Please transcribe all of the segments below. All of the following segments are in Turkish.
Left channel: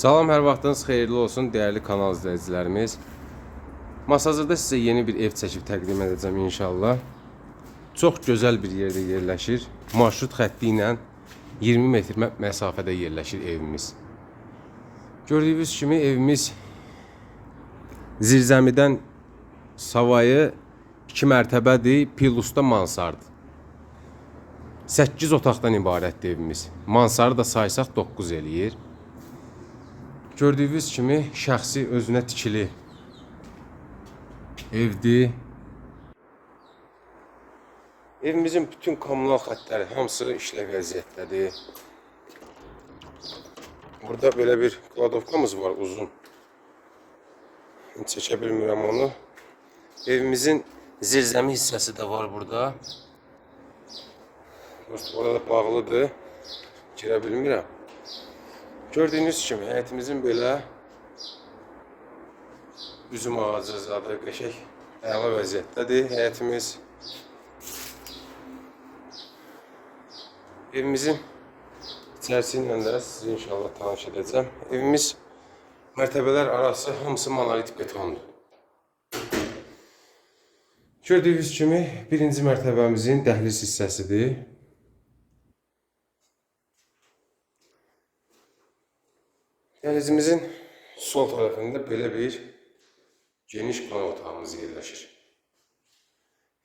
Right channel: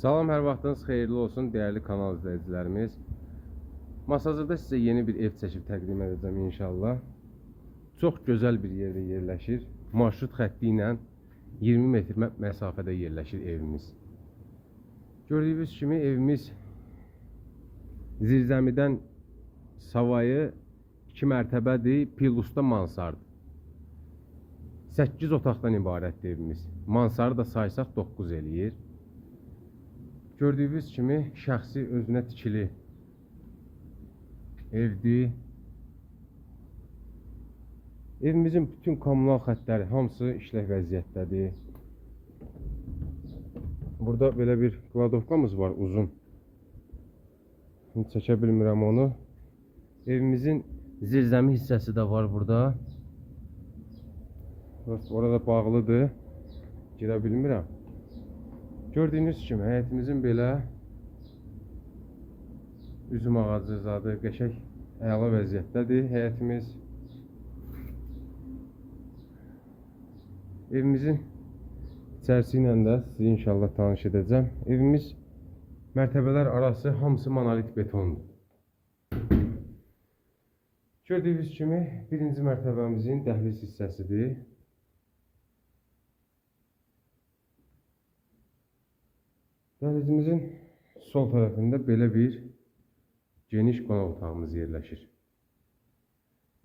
Salam, hər vaxtınız xeyirli olsun, dəyərli kanal izləyicilərimiz. Masazırda sizə yeni bir ev çəkib təqdim edəcəm inşallah. Çox gözəl bir yerdə yerləşir. Marşrut xətti ilə 20 metr mə- məsafədə yerləşir evimiz. Gördüyünüz kimi evimiz zirzəmidən savayı 2 mərtəbədir, pilusda mansardır. 8 otaqdan ibarətdir evimiz. Mansarı da saysaq 9 eləyir. Gördüyünüz kimi şəxsi özünə tikili evdir. Evimizin bütün kommunal xəttləri hamısı işlə vəziyyətdədir. Burada belə bir kladovkamız var uzun. İndi çəkə bilmirəm onu. Evimizin zirzəmi hissəsi də var burada. Orada bağlıdır. Girə bilmirəm. Gördüyünüz kimi həyətimizin belə üzüm ağacı zadı qəşəng əla vəziyyətdədir həyətimiz. Evimizin içərisi ilə sizi inşallah tanış edəcəm. Evimiz mərtəbələr arası hamısı monolit betondur. Gördüyünüz kimi birinci mərtəbəmizin dəhliz hissəsidir. Dəhlizimizin sol tərəfində belə bir geniş qonaq otağımız yerləşir.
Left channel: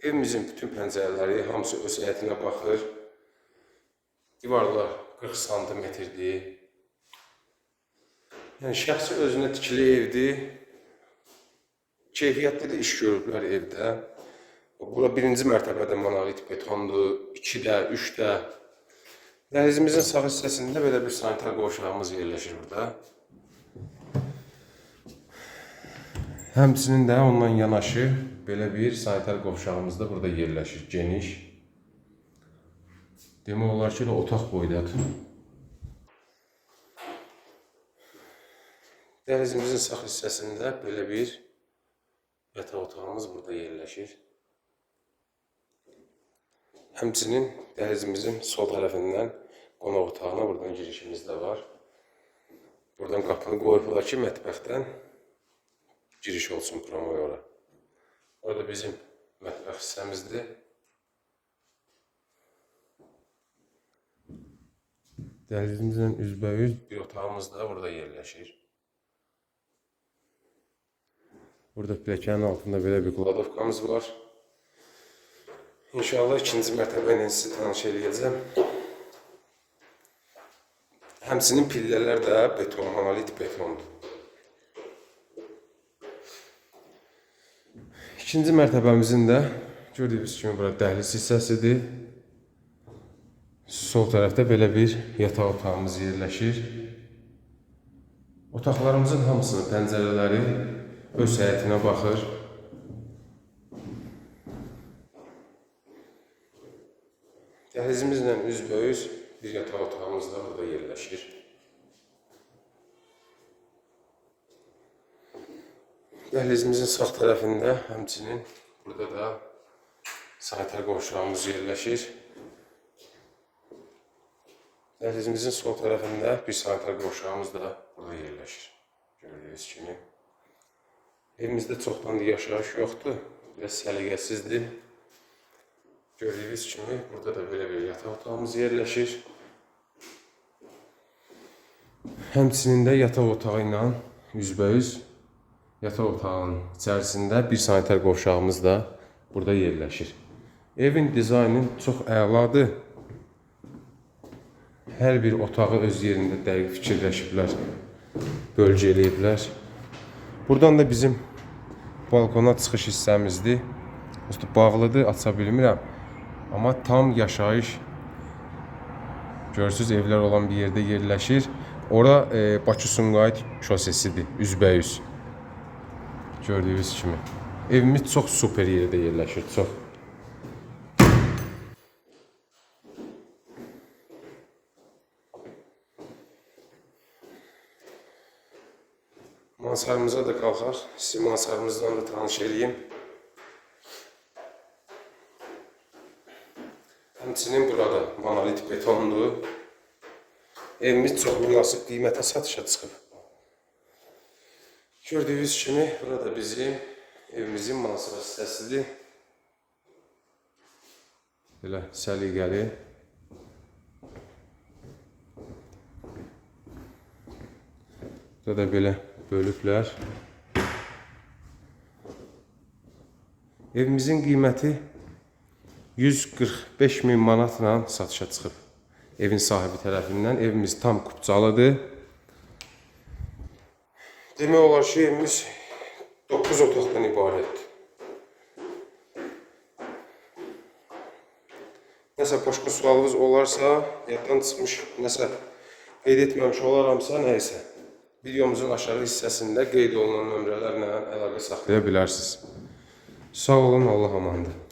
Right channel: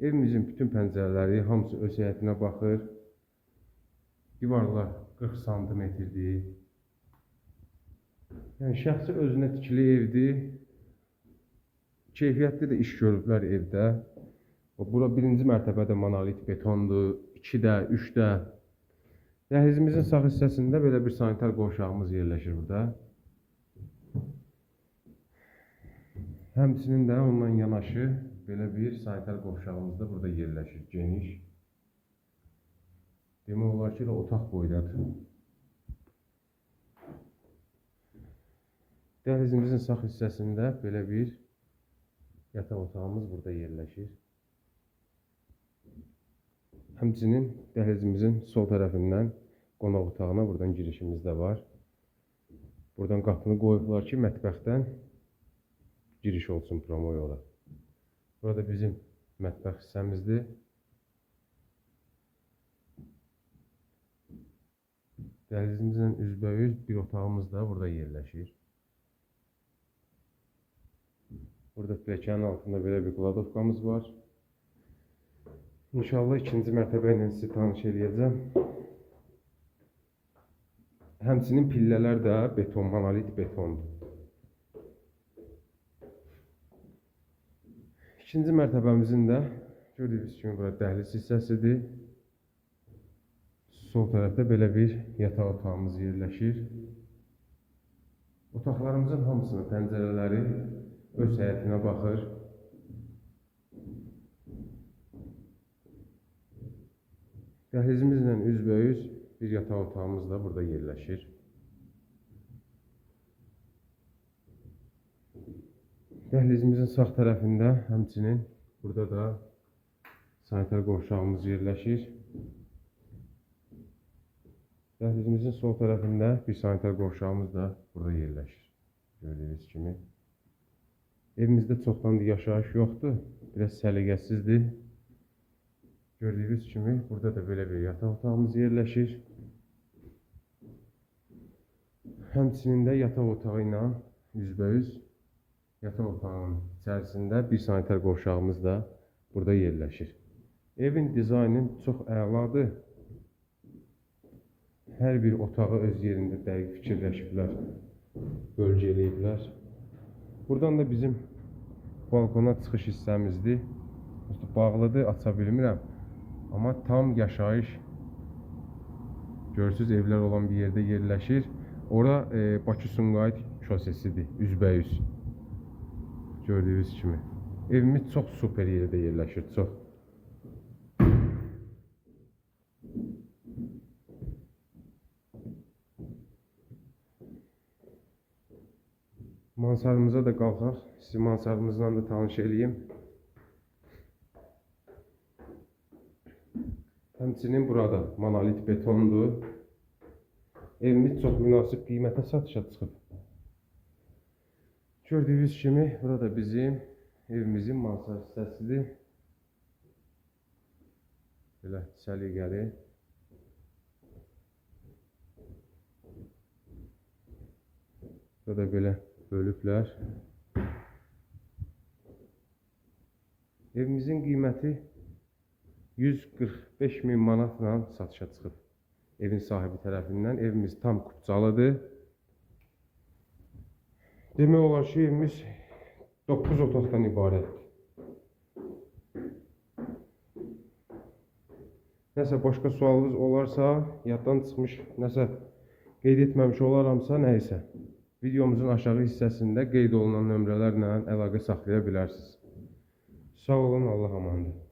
Evimizin bütün pəncərələri hamısı öz həyətinə baxır. Divarlar 40 santimetrdir. Yəni şəxsi özünə tikili evdir. Keyfiyyətli də iş görüblər evdə. Bura birinci mərtəbədə monolit betondur, 2-də, 3-də. Dəhlizimizin sağ hissəsində belə bir sanitar qovşağımız yerləşir burada. Həmçinin də ondan yanaşı belə bir sanitar qovşağımız da burada yerləşir, geniş. Demək olar ki, elə otaq boydadır. Dəhlizimizin sağ hissəsində belə bir yataq otağımız burada yerləşir. Həmçinin dəhlizimizin sol tərəfindən qonaq otağına buradan girişimiz də var. Buradan qapını qoyublar ki, mətbəxdən giriş olsun promoyora. Orada bizim mətbəx hissəmizdir. Dəhlizimizlə üzbəüz bir otağımız da burada yerləşir. Burada pilləkənin altında belə bir kladovkamız var. İnşallah ikinci mərtəbə ilə sizi tanış eləyəcəm. Həmçinin pillələr də beton, monolit betondur. İkinci mərtəbəmizin də gördüyünüz kimi bura dəhliz hissəsidir. Sol tərəfdə belə bir yataq otağımız yerləşir. Otaqlarımızın hamısının pəncərələri öz həyətinə baxır. Dəhlizimizlə üzbəüz bir yataq otağımız da burada yerləşir. Dəhlizimizin sağ tərəfində həmçinin burada da sanitar qovşağımız yerləşir. Dəhlizimizin sol tərəfində bir sanitar qovşağımız da burada yerləşir. Gördüyünüz kimi. Evimizdə çoxdandır yaşayış yoxdur. Biraz səliqəsizdir. Gördüyünüz kimi burada da belə bir yataq otağımız yerləşir. Həmçinin də yataq otağı ilə üzbəüz yataq otağının içərisində bir sanitar qovşağımız da burada yerləşir. Evin dizaynı çox əladır. Hər bir otağı öz yerində dəqiq fikirləşiblər, bölgə eləyiblər. Buradan da bizim balkona çıxış hissəmizdir. Üstü bağlıdır, aça bilmirəm. Amma tam yaşayış Görürsüz evlər olan bir yerdə yerləşir. Ora e, Bakı Sumqayıt şosesidir, üzbəüz. Gördüyünüz kimi. Evimiz çox super yerdə yerləşir, çox. Mansarımıza da qalxaq. Sizi mansarımızdan da tanış eləyim. Həmçinin burada monolit betondur. Evimiz çox münasib qiymətə satışa çıxıb. Gördüyünüz kimi burada bizim evimizin mansıva hissəsidir. Belə səliqəli. Burada da belə bölüblər. Evimizin qiyməti 145 min manatla satışa çıxıb. Evin sahibi tərəfindən evimiz tam kupçalıdır. Demək olar ki, evimiz 9 otaqdan ibarətdir. Nəsə başqa sualınız olarsa, yaddan çıxmış, nəsə qeyd etməmiş olaramsa, nəysə. Videomuzun aşağı hissəsində qeyd olunan nömrələrlə əlaqə saxlaya bilərsiniz. Sağ olun, Allah amandır.